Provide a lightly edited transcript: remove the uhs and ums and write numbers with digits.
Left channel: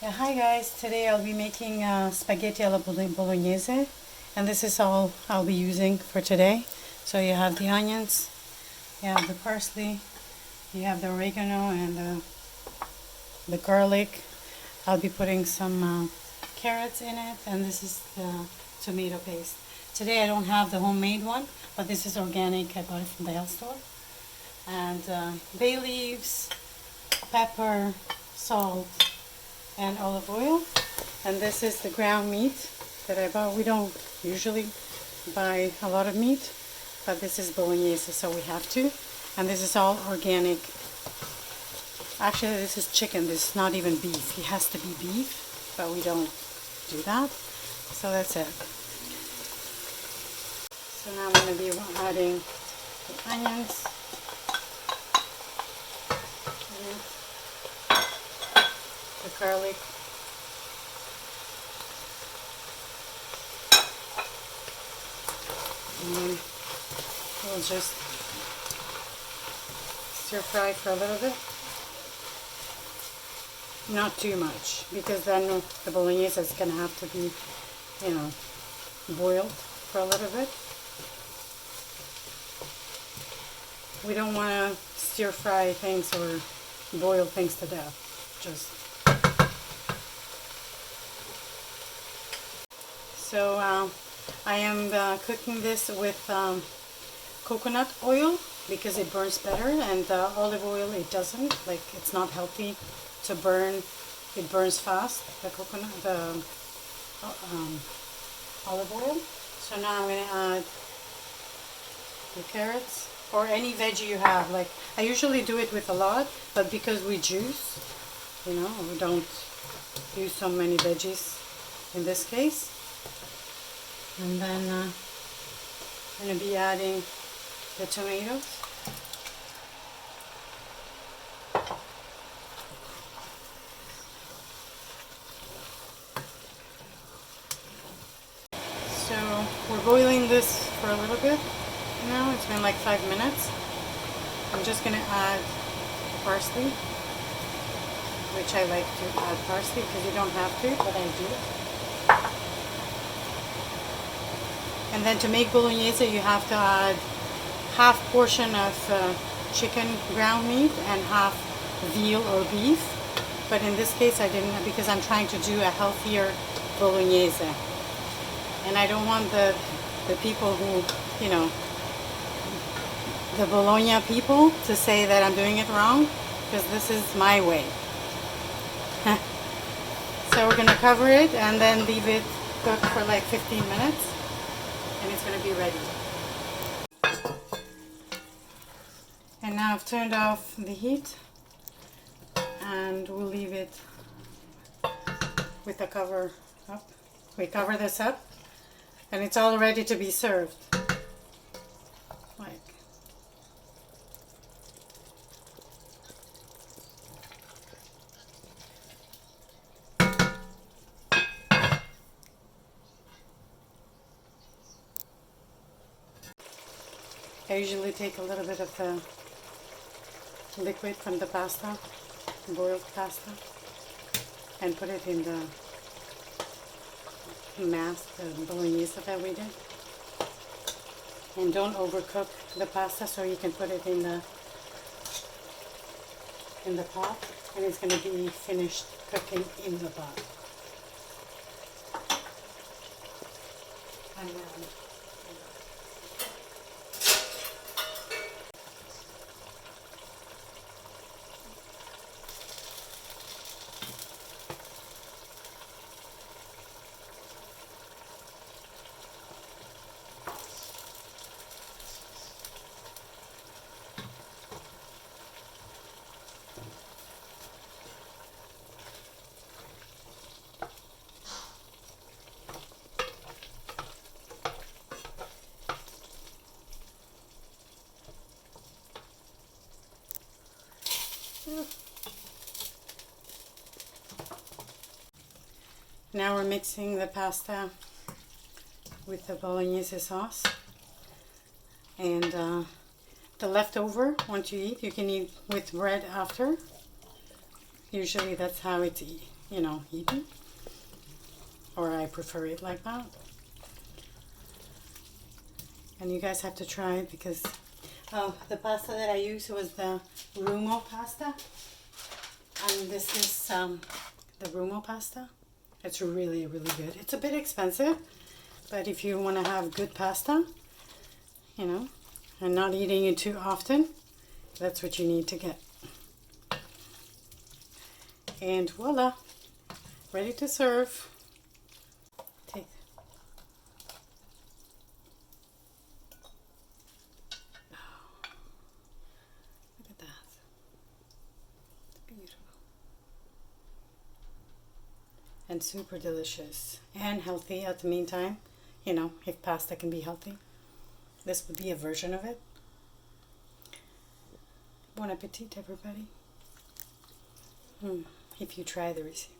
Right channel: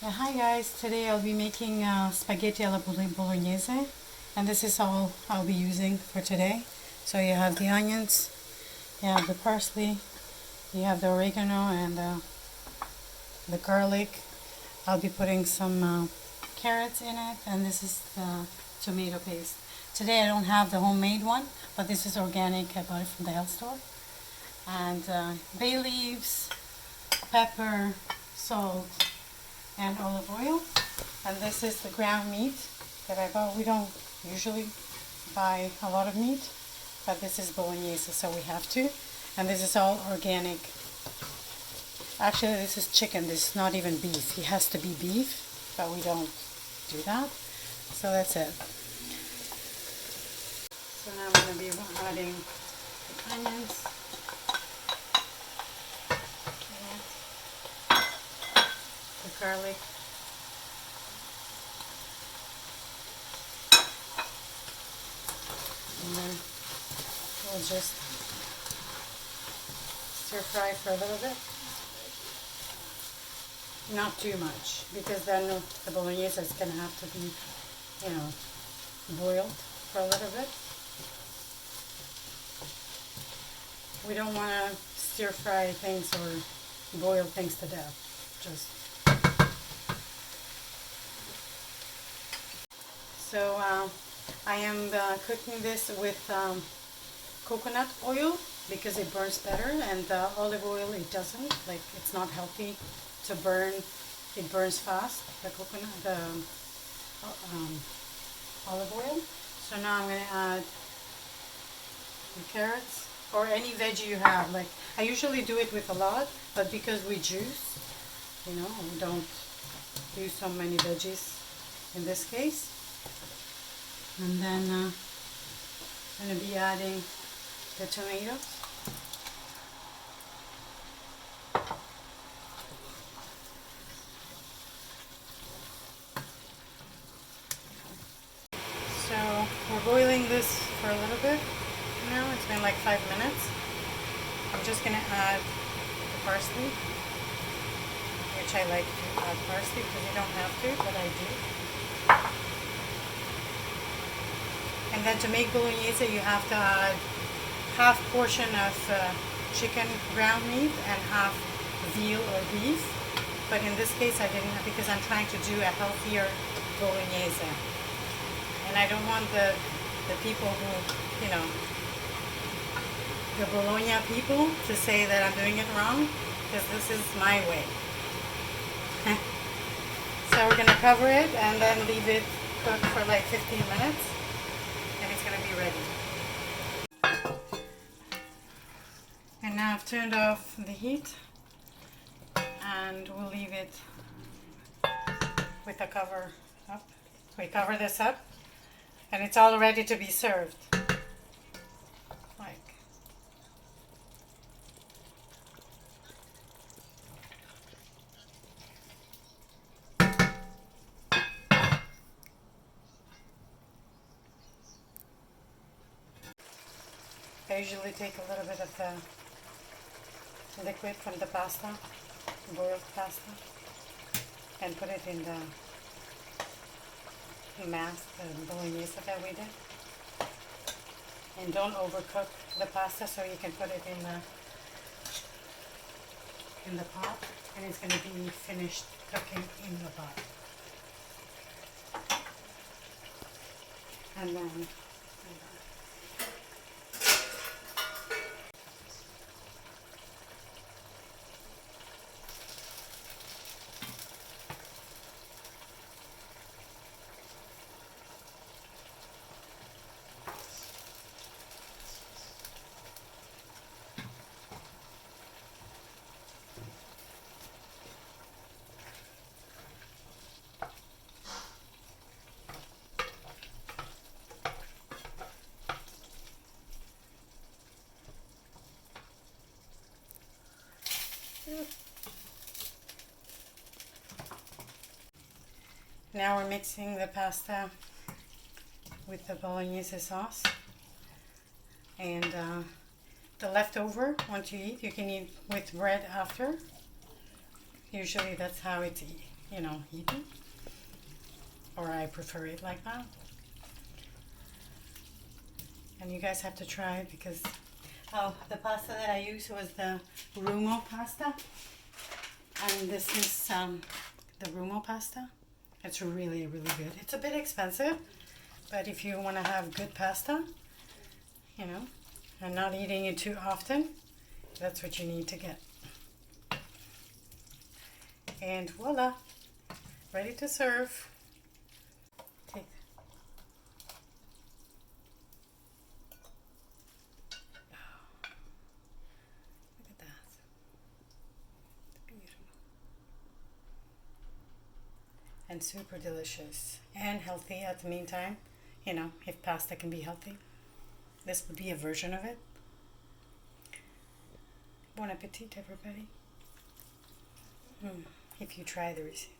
Yeah, hi guys. Today I'll be making spaghetti alla bolognese, and this is all I'll be using for today. So you have the onions, you have the parsley, you have the oregano and the garlic. I'll be putting some carrots in it, and this is the tomato paste. Today I don't have the homemade one, but this is organic. I bought it from the health store. And bay leaves, pepper, salt, and olive oil. And this is the ground meat that I bought. We don't usually buy a lot of meat, but this is bolognese, so we have to. And this is all organic. Actually, this is chicken. This is not even beef. It has to be beef, but we don't do that. So that's it. So now I'm going to be adding the onions, the garlic, and then we'll just stir fry for a little bit. Not too much, because then the bolognese is going to have to be, boiled for a little bit. We don't want to stir fry things or boil things to death. So I am cooking this with coconut oil because it burns better, and olive oil it doesn't. Like, it's not healthy to burn. It burns fast, the coconut, the olive oil. So now I'm going to add the carrots or any veggie you have. Like, I usually do it with a lot, but because we juice, we don't use so many veggies in this case. And then I'm going to be adding the tomatoes. So we're boiling this for a little bit now. It's been like 5 minutes. I'm just going to add parsley, which I like to add parsley because you don't have to, but I do. And then to make bolognese, you have to add half portion of chicken ground meat and half veal or beef. But in this case, I didn't, because I'm trying to do a healthier bolognese. And I don't want the people who, the Bologna people to say that I'm doing it wrong, because this is my way. So we're going to cover it and then leave it cook for like 15 minutes. And it's going to be ready. And now I've turned off the heat, and we'll leave it with the cover up. We cover this up, and it's all ready to be served. Like, I usually take a little bit of the liquid from the pasta, boiled pasta, and put it in the mass, the bolognese that we did. And don't overcook the pasta, so you can put it in the pot, and it's going to be finished cooking in the pot. And then now we're mixing the pasta with the bolognese sauce, and the leftover, once you eat, you can eat with bread after. Usually that's how it's you know, eaten, or I prefer it like that. And you guys have to try it because the pasta that I used was the Rumo pasta, and this is the Rumo pasta. It's really, really good. It's a bit expensive, but if you want to have good pasta, you know, and not eating it too often, that's what you need to get. And voila, ready to serve. Take. Oh, look at that. It's beautiful. And super delicious and healthy at the meantime. You know, if pasta can be healthy, this would be a version of it. Bon appetit, everybody. If you try the recipe.